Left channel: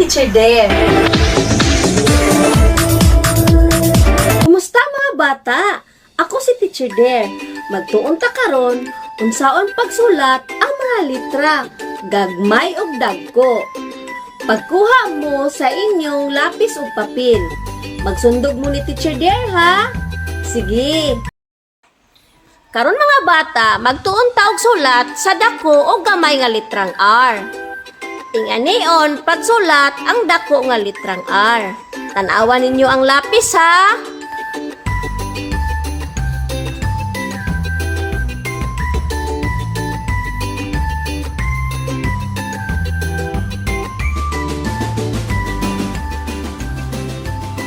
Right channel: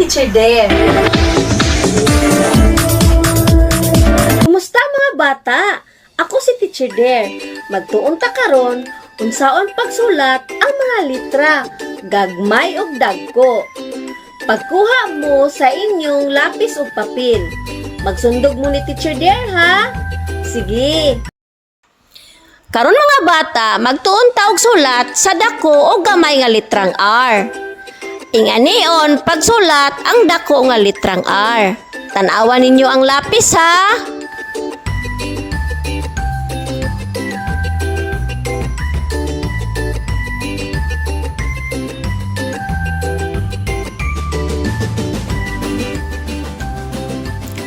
Teacher Dare. Kumusta mga bata? Ako si Teacher Dare. Magtuon ta karon unsaon pagsulat ang mga litra, gagmay ug dagko. Pagkuha mo sa inyong lapis ug papel. Magsundog mo ni Teacher Dare ha. Sige. Karon mga bata, magtuon ta og sulat sa dako o gamay nga litrang R. Inganion pagsulat ang dako nga litrang R. Tan-awan ninyo ang lapis ha.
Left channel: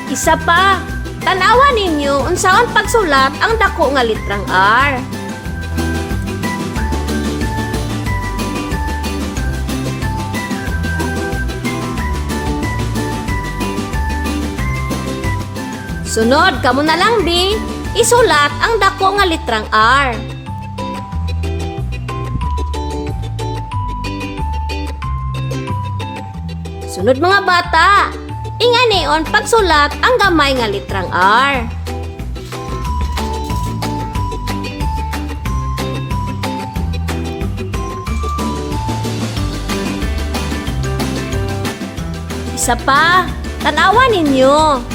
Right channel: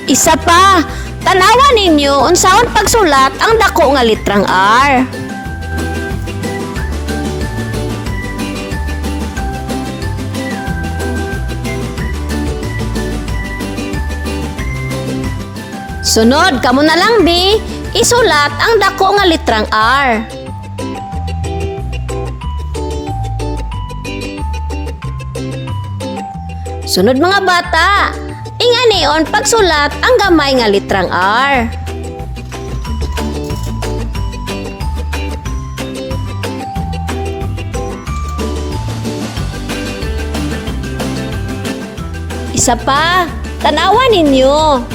Isa pa, tanawan ninyo unsaon pagsulat ang dako nga litrang R. Sunod, kamo na lang bi, isulat ang dako nga litrang R. Sunod mga bata, inganion pagsulat ang gamay nga litrang R. Isa pa, tanawan ninyo.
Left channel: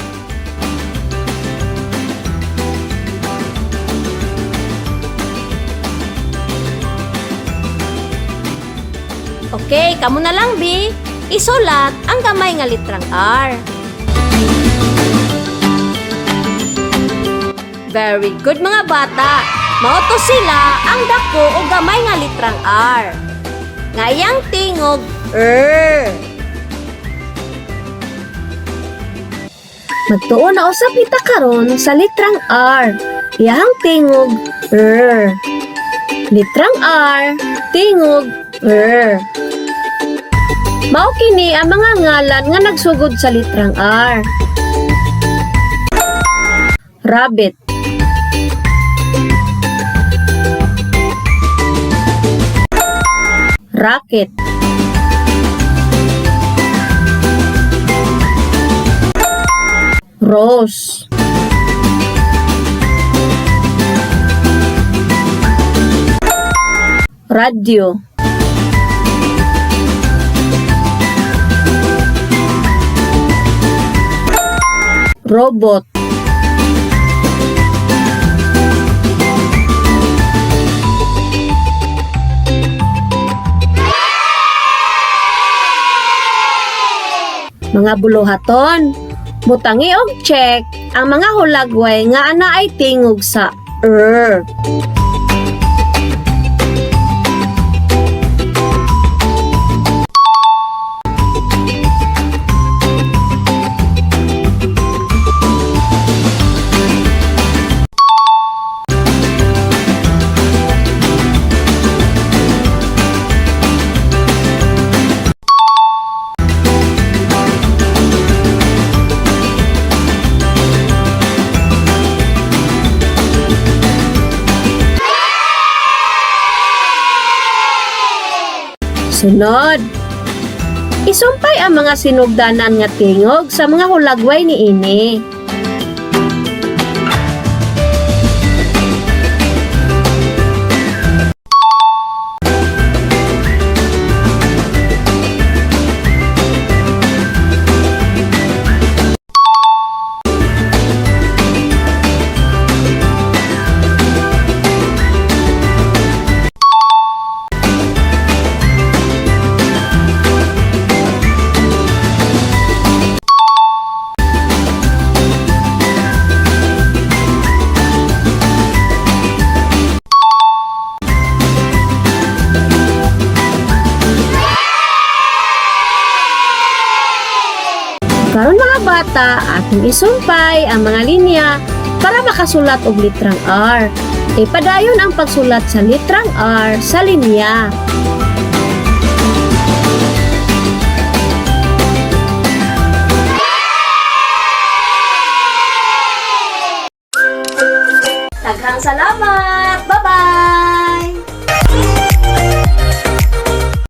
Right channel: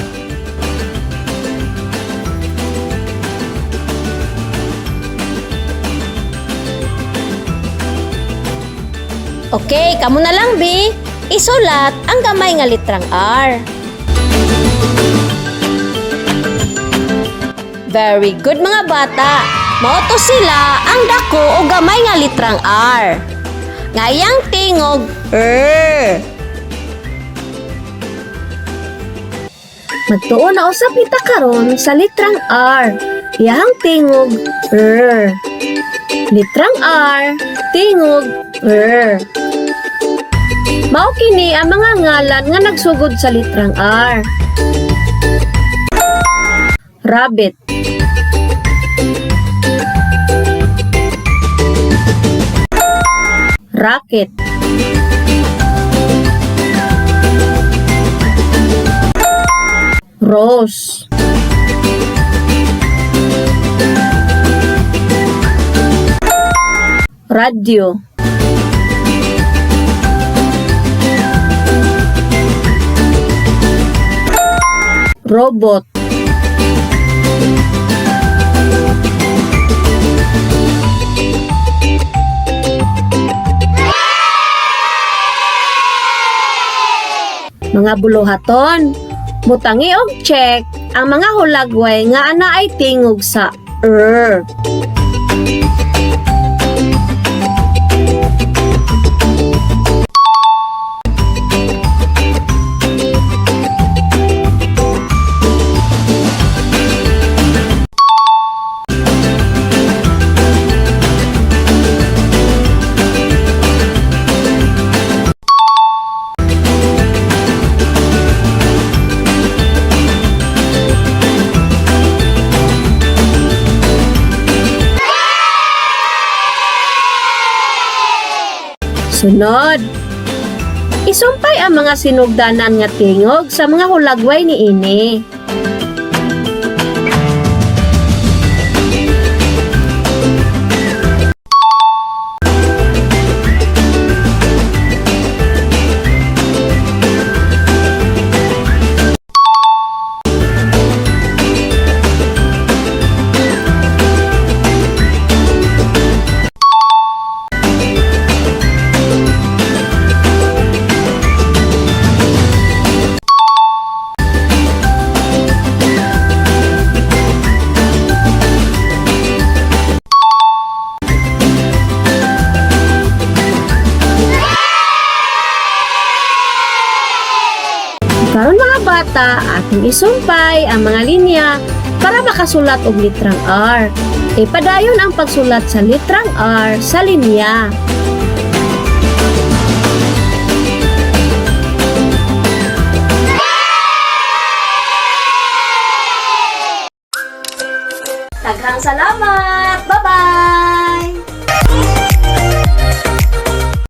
Okay, kamo na lang bi, isulat ang gamay nga litrang R. Very good mga bata. Mao sila ang dako o gamay nga litrang R. Ngayang tingog Magtuon na usab kita karon sa litrang R. Iyang tingog Litrang R, tingog Mao kini ang mga ngalan nga nagsugod sa litrang R. Rabbit, racket, rose, radio, robot, mga buluhaton, mutangi og check ang mga hulagway nga ana ay tingog sa Sunod, isumpay ang mga sinugdanan nga tingog sa mga hulagway niini. Karon mga bata, ating isumpay ang mga linya para makasulat og litrang R. Ipadayon ang pagsulat sa litrang R sa linya. Daghang salamat! Bye-bye!